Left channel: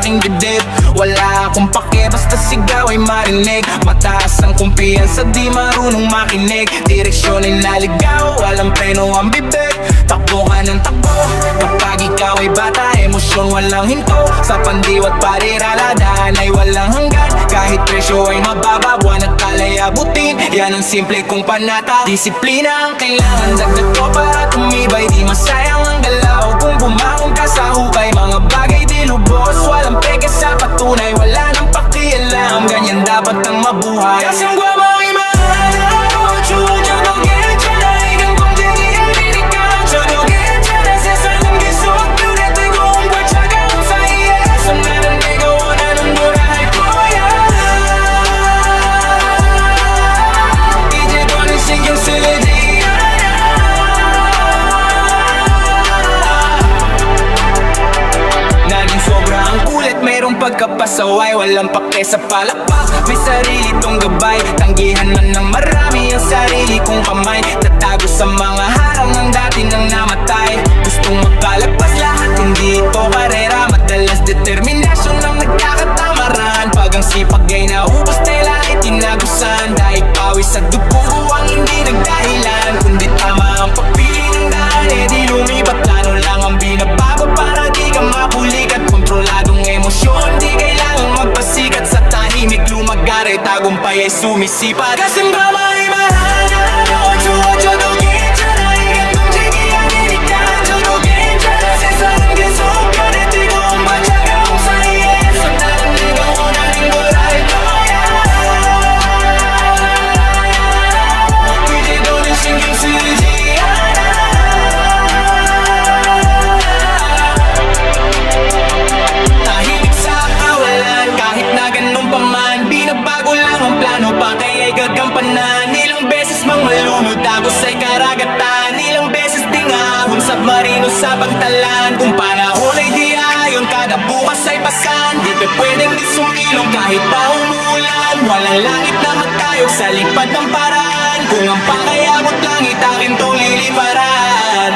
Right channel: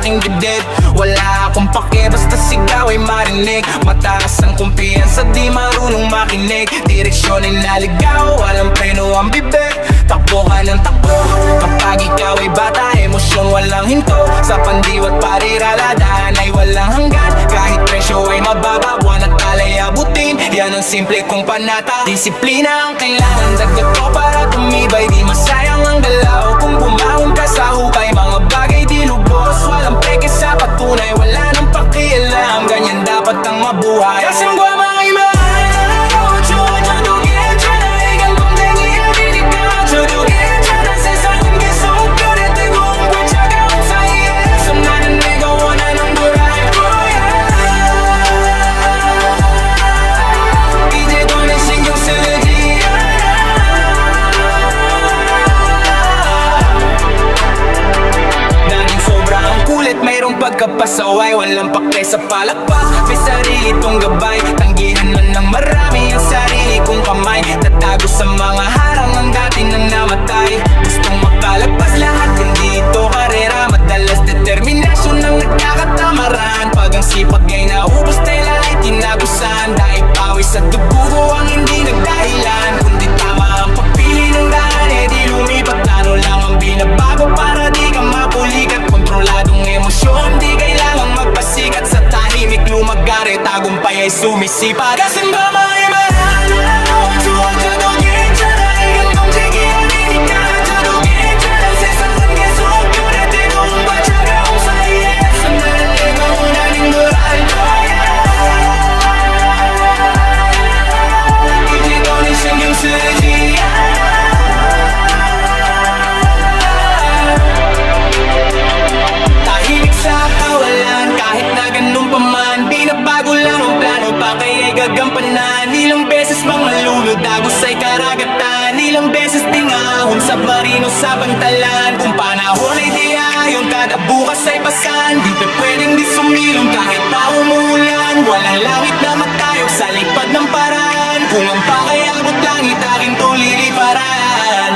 aking dibdib. Wala akong pake, basta sigaw ay marinig. Mataas ang kumpiyansa, di marunong makinig. Direksyon ay naligaw, walang preno ang bibig. Takbo ka ng takbo, kapag ikaw ay bata. Emosyon walang hinto, sa pandiwat pariraladahan ay walang hanggan. Kahit presyo ay mababa, buwan at talay abutin. Yan ang simple kong panata. Disiplina ang kailangan, dagdag ko para tumibay. Di masayang ang galaw kung bumangon ka sa hukay. Mga bagay di lubos, walang peke sa patunay. Wala nang pakialam, ganyan dapat ang mabuhay. Kasing guwama ay mahal, ocho-ocho dugin siya na igang kumdengi abinika. Chodugin siya na sesalim kisog, purete kong kwechaga kong sa iye. Samnanan nega wana nung burahay ko ya. Ije doon ay singyong silijiya. Naging sobrang kulit, mayroong pagkapasaway. Walang pake sa palakpak, may sarili tong gabay. Tanggihan man ng marami ang sarili kong kamay. Tatago sa mga harang ang dati nang namatay. Gustong makalagpas lahat, hindi ito karera. Madalas determinasyon ang nagkakatamaran. Pag ang sipag ay naubos, tela ay tinagusan. Dahil pawis at dugugo ang hindi nagdahilan. Kundi tama ang pagpili ng daan, eh di lumipat. Plano lang ang binabago para di ka mapulikat. Kontroladong emosyon, di kailangang magpasikat. Sa tahimik lumagari, tagumpay ay sumisipat. Kasimbama ay mahana, ocho-ocho dugin siya na igang kumjiki abinika. Chodugin siya na sesaran kesog, purete kong kwechaga kong sa iye. Sandaran nega una ning buray ko ya. Ije doon ay singyong sujiya. Kahit na ganun pa man, binabago lang ang plano. Pa kaya'y gagampanan. Ilang beses mang malunod, agos ay karagatan. Ilang beses ding ahon, submarino sa pantalan. Kung panahon ay di ayon, kada bukas ay pasan. Di pa pwedeng di sumilong kahit pa umuulan. Walang langit na matayog sa lipad ng paraan. Kung ang pakayabot langit, akin tong liliparan.